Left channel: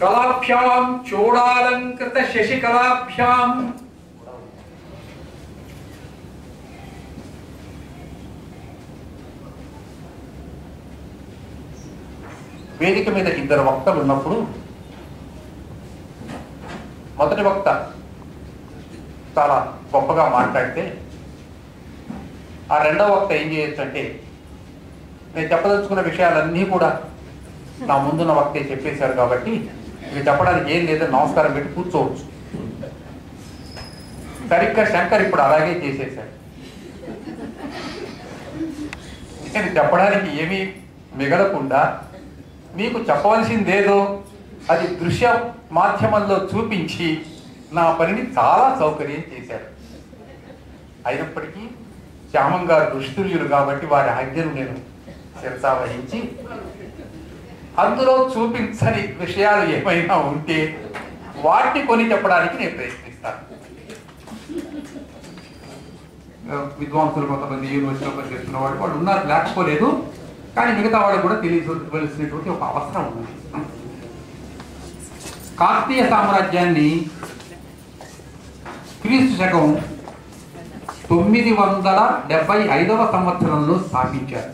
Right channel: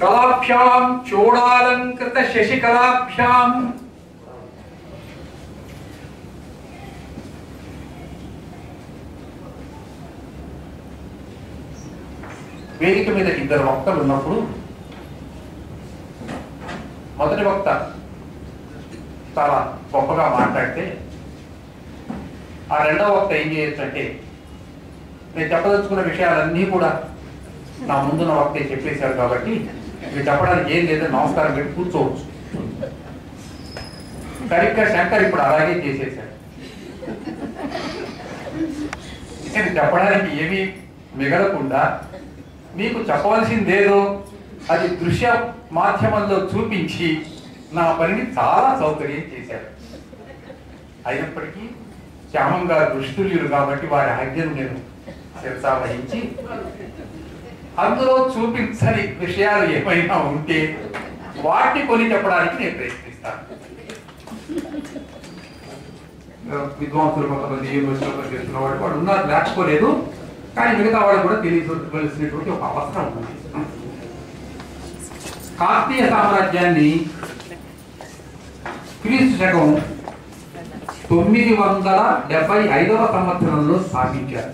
कलाभ्यां चोडालंकृत शशिकलाभ्यां వేదిక మీద ఇద్దరు వక్తలు ఉన్నప్పుడు మొదటి వక్త చాలా గొప్పగా మాట్లాడితే ఆ రెండవ వక్త ఏం చేయొచ్చు అంటే నేను చెప్పదలుచుకున్న విషయాలన్నీ కూడా నా ముందున్న వక్తే చెప్పేశారు కాబట్టి ఇవి చెప్పడానికి ఏం లేదని నమస్కారం పెట్టి కూర్చోవచ్చు. సరిగ్గా శంకర్ ఇప్పుడు అలాగే చేసేశాడు. ఇది చెప్పడానికి ఏమీ మిగలకుండా మీకు చెప్పవలసిందేదో అది దృశ్య మాధ్యమంలో చూపించి నా పనిని చాలా సౌకర్యం చేశారు. అయినప్పటికీ శ్యామం గారు దుస్తుల్యులు కాబట్టి వారి ఆజ్ఞను నేను శిరసా వహించి అందులో చూపించని విషయాలు ఏమైనా ఉంటే వాటిని కొని చెప్పడానికి నేను ప్రయత్నిస్తాను. విద్వాంసులు కొంతమంది యూనివర్సిటీలో పనిచేస్తున్న వాళ్ళు ఉన్నారు, లేకపోలేదు. కానీ మిగతా వాళ్ళు కూడా తెలియవలసినటువంటి ఒక అవసరం ఉంది. కాకతీయ సామ్రాజ్యాన్ని క్రీస్తు శకం 975వ సంవత్సరంలో స్థాపించారు.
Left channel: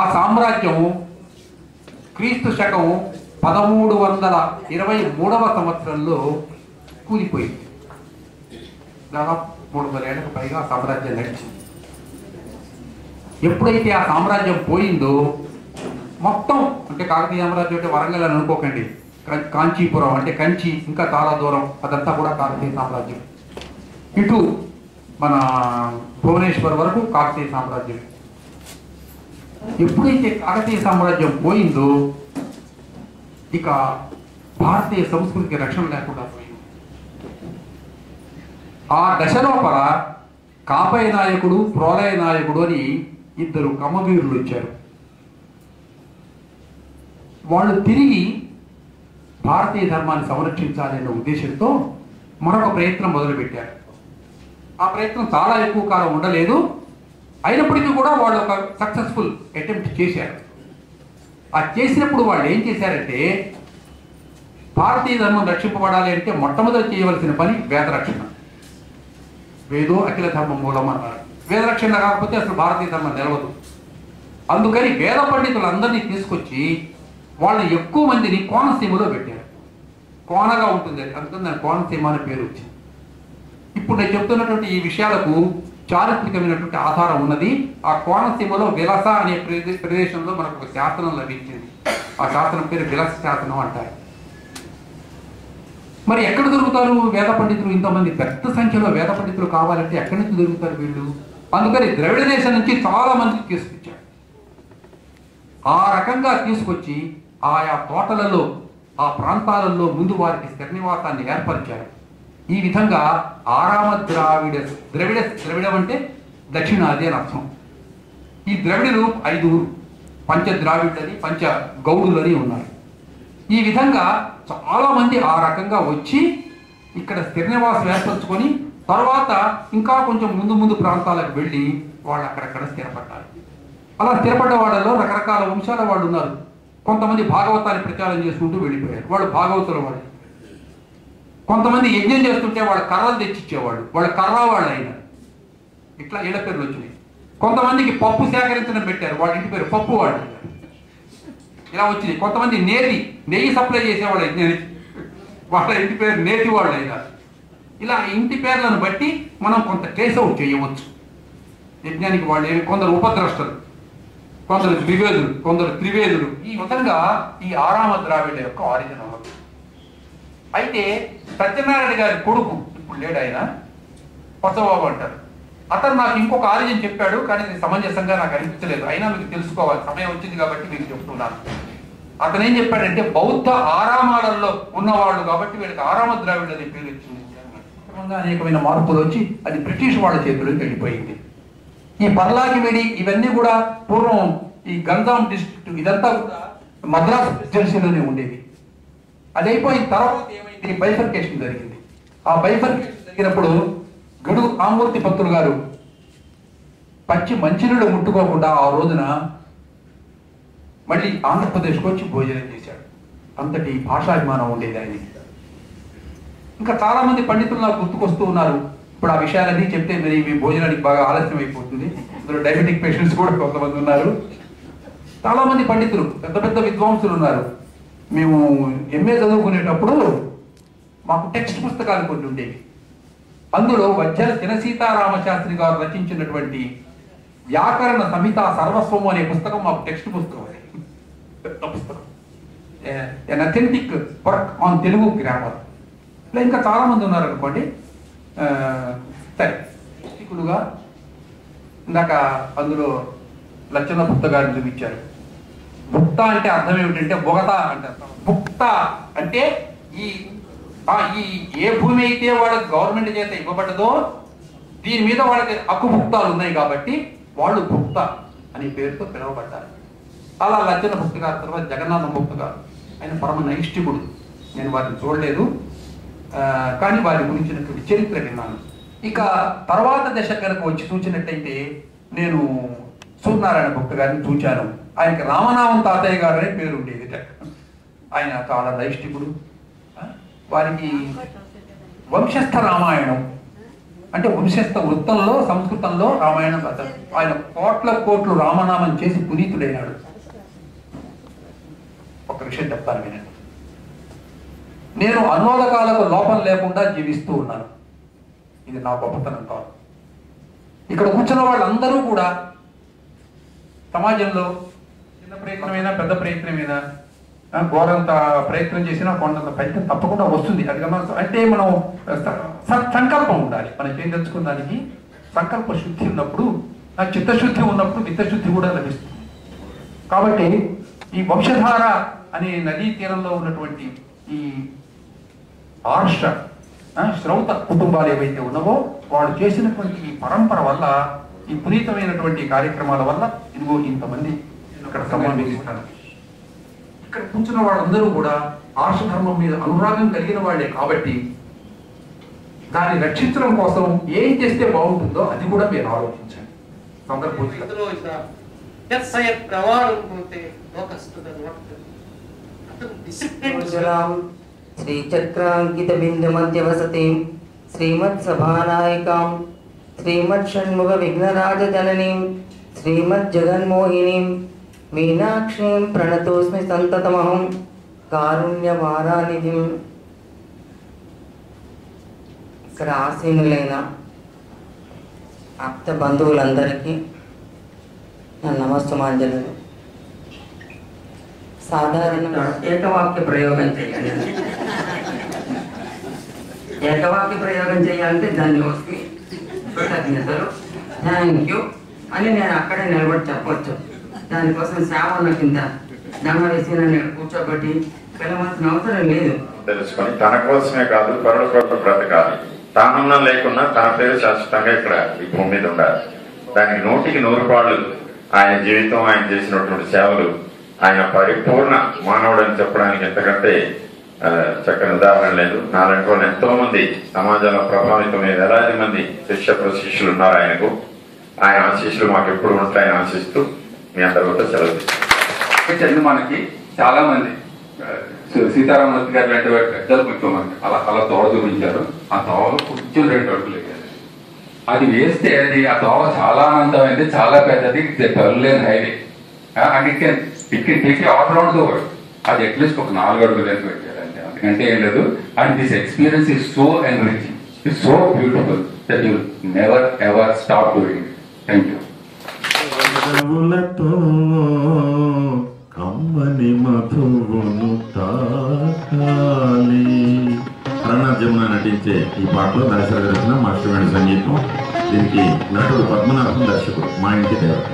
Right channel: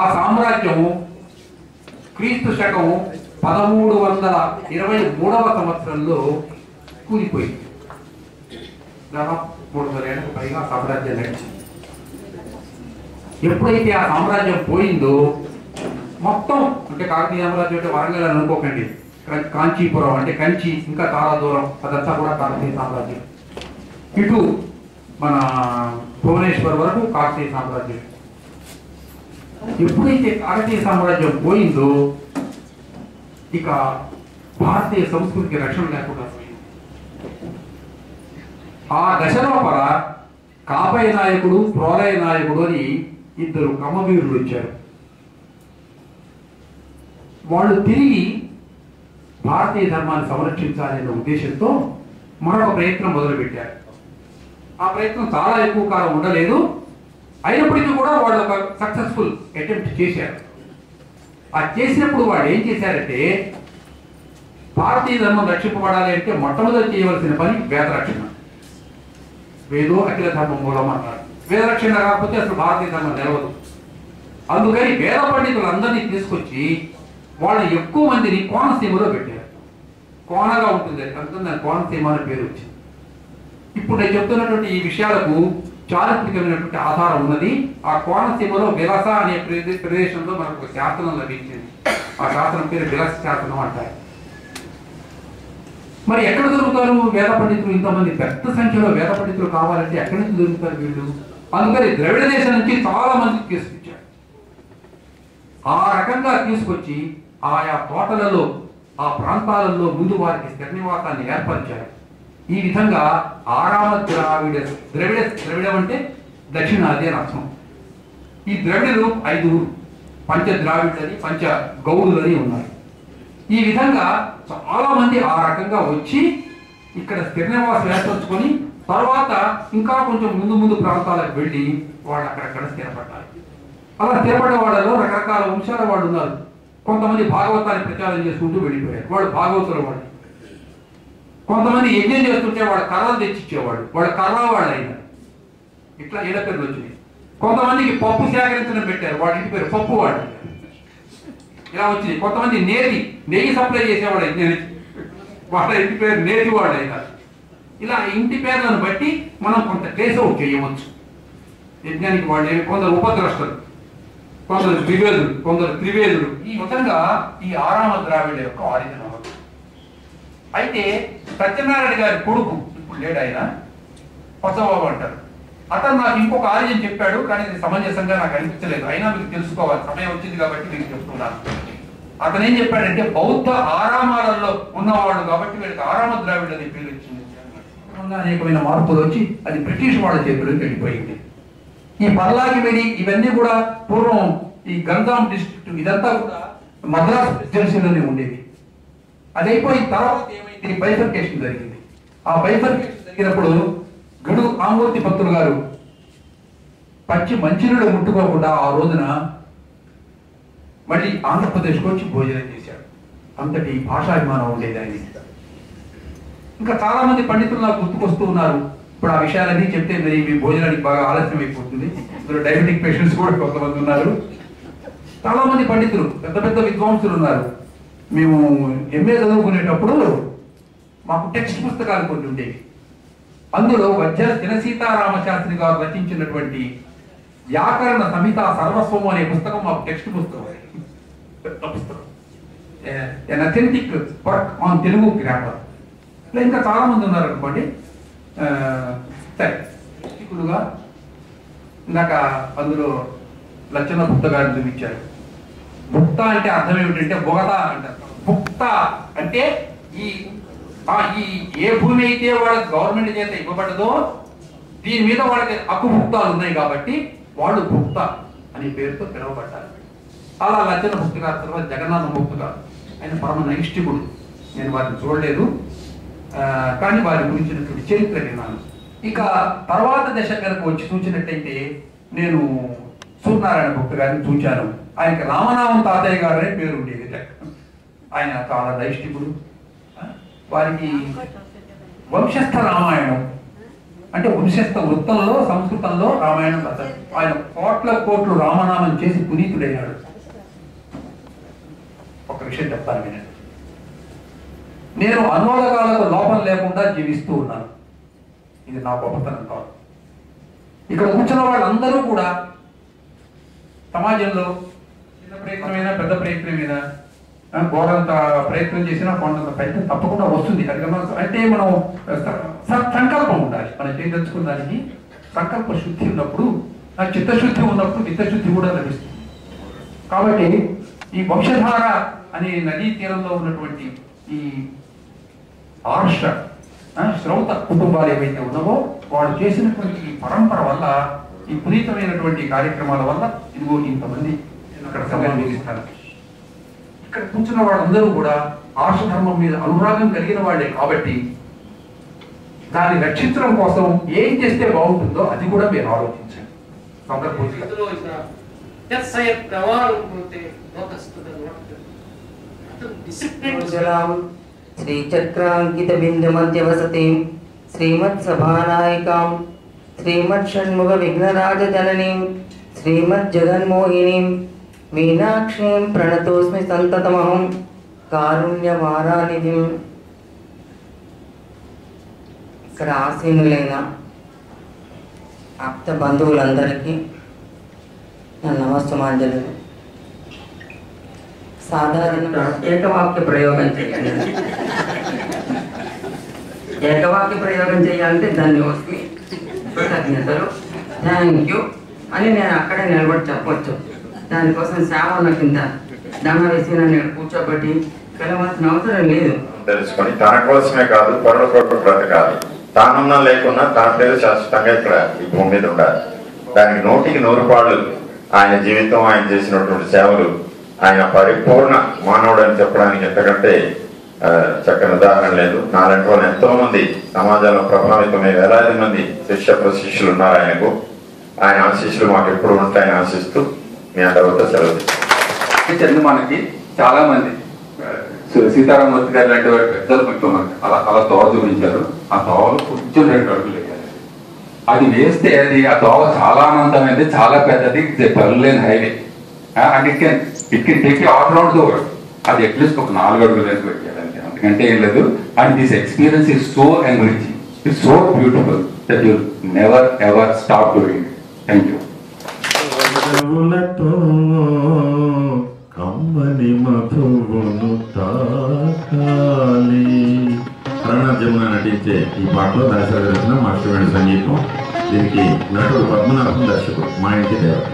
ఆ సామ్రాజ్యము క్రీస్తు శకం 1323వ సంవత్సరంలో కూలిపోయింది. దాదాపు 300 ఏళ్లకు పైగా సామ్రాజ్యం నడిచింది. ఎప్పుడైతే ఆ సామ్రాజ్యం పోయిందో మొత్తం, అంటే కాకతీయ సామ్రాజ్యం అంటే వరంగల్ అని అనుకోకండి, కాంచీపురం అంటే కంచి ఇంకా చాలా దూరం, అదంతా కూడా కాకతీయ సామ్రాజ్యం. ఇటు మన భువనేశ్వర్ వరకు కాకతీయ సామ్రాజ్యం. ఎప్పుడైతే కాకతీయ సామ్రాజ్యం పోయిందో ఇక భారతీయ సంస్కృతికి రక్షణ లేకుండా పోయింది. ఆ దశలోపల కాపయ నాయకుడు, ప్రోలయ నాయకుడు అని ఇద్దరు కమ్మవీరులు వచ్చారు. వాళ్ళు తిరిగి భారతీయ ధర్మాన్ని సంరక్షించాలనే ఉద్దేశంతో మరొక ప్రయత్నం మొదలుపెట్టారు. ఆ ప్రయత్నం చాలా ఎక్కువ కాలం ఉండలేదు. అయినప్పటికీ కూడా వాళ్ళు ఒక సక్సెస్ఫుల్ అటెంప్ట్ చేశారు. ఆ చేసినప్పుడు వాళ్ళు ఏం చేశారంటే, భారతీయ ధర్మం రక్షింపబడాలి అంటే మొట్టమొదటి చేయవలసిన పని వేదరక్షణ. వేదో అఖిల ధర్మ మూలం అన్నారు. వేదరక్షణ కాకపోతే అసలు భారతీయ ధర్మం నిలవదు. అందుకని వేద పండితులందరినీ తీసుకొచ్చి వాళ్ళని ఎక్కువ మందిని కోనసీమలో పెట్టారు. కోనగా ఉంటుంది, అందుకని దాని కోనసీమ అనే పేరు వచ్చింది. ఇప్పుడు నేను చెప్తున్నటువంటి ఈ విషయాలకు చారిత్రకమైనటువంటి ఆధారం ఉన్నది. ఆ కోనసీమలో విలస అనే ప్రదేశంలో మనకు ఒక శాసనం లభించింది. ఆ శాసనం పేరు విలస శాసనం అంటారు. మరి ఎక్కడ దొరుకుతారు వేద పండితులు? ఇంతమంది పెద్ద సంఖ్యలో వేద పండితులు కావాలంటే ఎక్కడి నుంచి దొరుకుతారు వీళ్ళు? అందుకని ద్రవిడ దేశం నుంచి చాలా మందికి తీసుకొచ్చారు. ఆ రకంగా తీసుకొచ్చి ఆయా తోటలలో, ఆ ప్రాంతాలలో ముందు వారికి స్థిర నివాసాన్ని ఏర్పరిచారు. ఈ విధంగా ఆరామ ద్రవిడం అంటే దక్షిణాది అని అర్థం. ఈ ద్రవిడులు 5 పంచ ద్రావిడులని, పంచ గౌడులని ఉన్నారు. ఈ విధంగా చాలా మంది ఆ రకంగా వచ్చి ఇక్కడ స్థిర నివాసం ఏర్పరచుకొని తర్వాత ఇంకా కొంచెం ముందు ప్రాంతాలకు వెళ్ళి వాళ్ళు అక్కడక్కడ స్థిరపడ్డారు. అలా స్థిరపడ్డ వాళ్ళలో రకరకాల వంశాల వాళ్ళు ఉన్నారు. కొంతమంది భాగవతాన్ని ప్రచారం చేసుకుంటూ వెళ్ళిపోయారు, వాళ్ళు భాగవతుల వాళ్ళు. కొంతమంది యజ్ఞం చేస్తుంటే వాళ్ళు కర్రలు తెచ్చిచ్చేవాళ్ళు, వాళ్ళు కర్ర వాళ్ళు అయినారు. ఇట్లా ఏళ్ళ పేర్లు వచ్చినాయి. కొంతమందికి పప్పు సేకరించడం పెట్టారు, వాళ్ళ ఇంటి పేరు పప్పు వాళ్ళు. ఇలా వచ్చింది. కొంతమంది నెయ్యి సప్లై చేసేవాళ్ళు, వాళ్ళ ఇంటి పేరు నేతి వాళ్ళు అయినారు. ఇలా ఇంటి పేర్లను బట్టి మనం కొంత ట్రేస్ అవుట్ చేయవచ్చు. యజ్ఞానికి వాళ్ళు కొందరు ఉపద్రష్టలు, కొందరు ద్వివేదులు, కొందరు త్రివేదులు, ఈ విధంగా ఈ ఆరామ ద్రావిడ యొక్క ఆరిజిన్ అవ్వచ్చు. అయితే సత్యనారాయణ గారి కొడుకు ఇప్పుడు లేడు, ఆయన పచ్చబాబు అంటారు. అతను నాకు ఇంకొక ఆరిజిన్ చెప్పాడు, కానీ ఇది సమంజసంగా నాకు అనిపించలేదు. అయినా మీకు తెలుసుకోవాలి, సమయం వచ్చింది కాబట్టి మీకు చెప్తున్నాను. అతను ఏం చెప్పాడంటే బౌద్ధ ఆరామాలలో ఉన్నవాళ్ళు కాబట్టి వీళ్ళకి ఆరామ ద్రావిడ అనే పేరు వచ్చింది. అనేకమైన మార్పులు వచ్చి అది బ్రిటిష్ వాళ్ళ చేతిలోకి వెళ్ళిపోయింది. ఈ పర్లాకిమిడి ఇవన్నీ కూడా పూర్వం ఈ గంజాం డిస్ట్రిక్ట్ ఇదంతా కూడా మద్రాస్ ప్రెసిడెన్సీలోనే ఉండేది. అది అయిపోయిన తర్వాత ఏమైంది, బైఫర్కేషన్ జరిగింది. ఆ బైఫర్కేషన్ జరిగినప్పుడు గడు ఆమూర్తి పంతులు గారు పచ్చి మంచినీళ్ళు ముట్టుకోకుండా ఆ రోజున మళ్ళీ ఆంధ్రప్రదేశ్కి వచ్చి భోజనం చేశాడు. అంతటి భాషాభిమానం ఉండేది ఆయన. ఇంకా చాలా మంది పండితులు నాకు గుర్తుకొస్తూ ఉన్నారు. ఇప్పుడు ఆ విషయాలన్నీ చెప్తే మరి మీ భోజనానికి బాగా ఆలస్యం అయిపోతుంది. ఇందులో డయాబెటిక్ పేషెంట్స్ కూడా కొంతమంది ఉన్నారు. చాలా మంది పండితులు, పెద్ద పెద్ద విద్వాంసులు ఉన్నారు. మేము ఎంఏ చదువుకునేటప్పుడు మాకు టెక్స్ట్ పుస్తకాలు కొన్ని ఉండేవి. అందులో వజ్జల చినసీతారామశాస్త్రి గారు రచించినటువంటి వ్యాకరణ సంహిత సర్వస్వము అనే పుస్తకం మాకు టెక్స్ట్ పుస్తకం. పెద్ద పుస్తకం, an authentic work on Telugu grammar. ఇలా ఇంకా చాలా మంది ఉన్నారు అనుకోండి. సరే, గా ఇందాక అందులో లచ్చన భుక్త గారిని చూపించారు. భుక్త అంటే అర్థం ఏమిటంటే బొగత అంటారు. భుక్త అంటే ఈ ఏ భూమి అయితే వాళ్ళకి గవర్నమెంట్ చేత ఇవ్వబడ్డదో దీని మీద వాళ్ళకి హక్కుభుక్తాలు ఉన్నాయి కాబట్టి వాళ్ళు భుక్త అనే పేరుతో పిలువబడ్డారు. అలా లచ్చన భుక్త గారు, తర్వాత జగన్నాథ భుక్త గారు, ఆయన పరమ నైష్ఠికుడు. నేను వారిని చూడలేదు, కానీ వారి గురించినటువంటి చరిత్ర విన్నాను. ఇక తర్వాత దశ కనుక వచ్చి చూసినట్టయితే నేను సూర్యనారాయణ భుక్త గారిని చూచాను. ఆయనకి రామనామం తాతయ్య గారు అనే పేరు ఉండేది. ఆయన చాలా నైష్ఠికుడు. వారికి వంశస్థ రామాయణం అంటే వంశస్థ వృత్తంలో సంస్కృతంలో రామాయణం రాశారు. ఆయన కోట్లు రామనామం చేసి పునీతుడైనాడు. ఒక విషయం చెప్తాను వినండి. నేను అన్వోదకాలకు లోపం లేకుండా జీవిస్తూ ఉన్నాను. ఇది నా గొప్పతనం కాదు. ఇక్కడ కూర్చున్న వాళ్ళందరూ కూడా సమాజంలో చిన్న ప్రయత్నమైనా పెద్ద ప్రయత్నమైనా గోడంత ప్రయత్నం చేసినా కొండంత ఫలితం తప్పకుండా వస్తుంది. అది అంటే మనం సంకల్పం ఉండాలి. మనం చేయదలుచుకున్న దానికి సంకల్ప శుద్ధి ఉన్నప్పుడు, చిత్తశుద్ధి ఉన్నప్పుడు విత్తశుద్ధి కూడా లభిస్తుంది. కాబట్టి ఈ వంశధార అనే నదీ తీరంలో ఉన్నటువంటి ఈ ఆర్ష శ్రౌత కుటుంబాలు ఏవైతే ఉన్నావో వాళ్ళు చేసినటువంటి ఈ పరంపర వల్ల, ఈ పునీతమైనటువంటి కార్యక్రమాల వల్ల ఇదిగో ఇంతమంది అక్కడ సమావేశిస్తారు. ఇక్కడ కూర్చున్న వాళ్ళందరూ కూడా ఆర్ష ధర్మం మీద అనురాగం కలిగిన వాళ్ళే కాబట్టి దాన్ని రక్షించడం కోసం ఏం చేస్తే బాగుంటుందో అది కూడా మీరు ఆలోచించండి. శ్రీచక్రాంకిత బిందు మధ్య వసతి శ్రీమత్ సభానాయికాం శ్రీమత్ షణ్ముఖ విఘ్నరాజ జననీం శ్రీమత్ జగన్మోహినీం మీనాక్షీం ప్రణతోస్మి సంతతమహం కారుణ్యవారానిధిం. ఇక్కడ ఆసీనులైన ఆప్త బంధువులందరికీ నా నమస్తమాంజలు. సాధారణంగా ఏకవాక్య ప్రయోగం చేయాలి. ఏకవాక్య ప్రయోగం చేయాలంటే ధన్యవాదాలు, కృతజ్ఞతలు, థ్యాంక్ యూ అని నేను అక్కడే నిలబడి చెప్పవచ్చు. దానికోసం సేవల కింద దండ వేసి నన్ను కూర్చోబెట్టి పిలవాల్సిన అవసరం లేదు. తెలుసుకొని తన కోసమే కాదు పరుల కొరకు బ్రతకాలి. తానున్నం లేకున్నా తన పేరు శాశ్వతంగా ఇక్కడ ఈ భూమి మీద ఉండాలి. దానికి 100కి 100 పాళ్ళు ఆయన జీవితం, ఆయన చేసినటువంటి సేవలు, ఆయన పరిపూర్ణ మానవుడు అని చెప్పడానికి ఎంతకంటే చక్కని ఉదాహరణ లేదు. నాలాంటి వాళ్ళు ఎంతో మంది సమాజంలో ప్రభావితమై వేలాది మంది శిష్య ప్రశిష్యులు ఉన్నారు ఆయనకు. ఆయన ఆశీస్సులు మాకు ఎప్పుడు ఉంటాయని ఆశిస్తూ మీ అందరితో సెలవు. మనకి చాలా మంది సీతారామూర్తి గారు లాంటి వారి పెద్దలు కొంచెం అలా దోవ చూపించారు. ఆ దోవలో కొంచెం 2 అడుగులు వేయాలి. అది వేస్తే అది ఆ దోవ చాలా ఆనందమైంది, చాలా పెద్దది, పర్లేని highway. And it can take all round the world. అది అట్లీస్ట్ ఒక 4 అడుగులు వెనక పెట్టాలి అంతే, అంతకంటే ఏం లేదు. And this experience is so enriching, it's so beautiful that you never ever stop doing. Thank you. కమ్మని మధువును తాకాలి. అరుణా జమున నటించే ఈ పాటలో దాశరథ రచన, మాస్టర్ సంగీతం. దీనికి నటుడు పద్మనాభం దర్శకుడు, మా ఇంటి దేవత.